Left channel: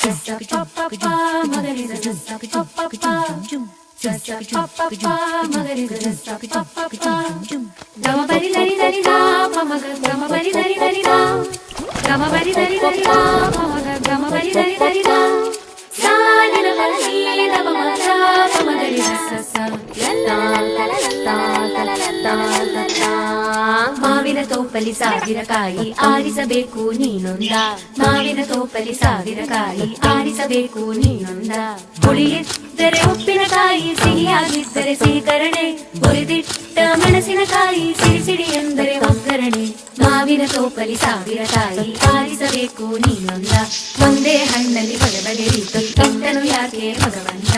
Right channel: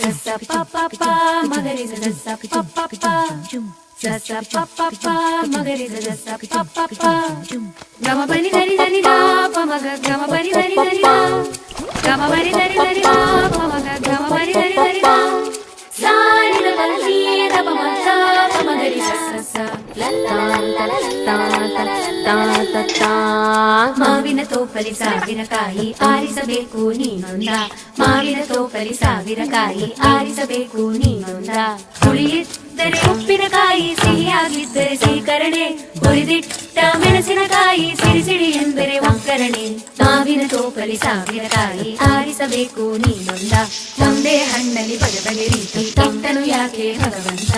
sa pa pa pa magari sa sa pa pa pa sa sa pa pa pa magari sa pa pa pa gama bari dari dari da pa maga gama bari dari dari da gama bari dari dari da pa maga gama bari dari dari da sa ni la la ni da pa maga pa magari sa sa la la la la la la la la la ಮಾವಿನ ತೋಪಲಿ ಸಾವಿರ ಕಾಯಿ ಆರಿಸಬೇಕು ನೀನೊಂದ ಮಾವಿನ ತೋಪಲಿ ಸಾವಿರ ಕಾಯಿ ಆರಿಸಬೇಕು ನೀನೊಂದ ಹುಳಿಯಿದ್ದರೆ ಉಪ್ಪಿನಕಾಯಿ ಸಿಹಿಯಾಗಿದ್ದರೆ ಸೀಕರಣೆ ಹುರಿದಿಟ್ಟ ಮೆಣಸಿನಕಾಯಿ ಸಿಡಿ ಸಿಡಿ ಎಂದರೆ ಒಗ್ಗರಣೆ ಮಾವಿನ ತೋಪಲಿ ಸಾವಿರ ಕಾಯಿ ಆರಿಸಬೇಕು ನೀನೊಂದ ಒಂದೇ ಹಣ್ಣಲ್ಲಿ ಬಗೆ ಬಗೆ ರೀತಿ ಕೆಟ್ಟನು ಯಾಕೆ ಭಗವಂತ